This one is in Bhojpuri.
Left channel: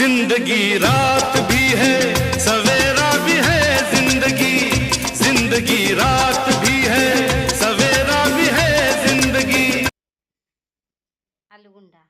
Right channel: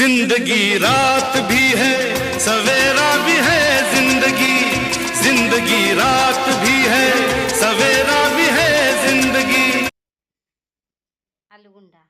जिंदगी रात भी है सवेरा भी है, जिंदगी जिंदगी रात भी है सवेरा भी है जिंदगी। आलूगुंडा।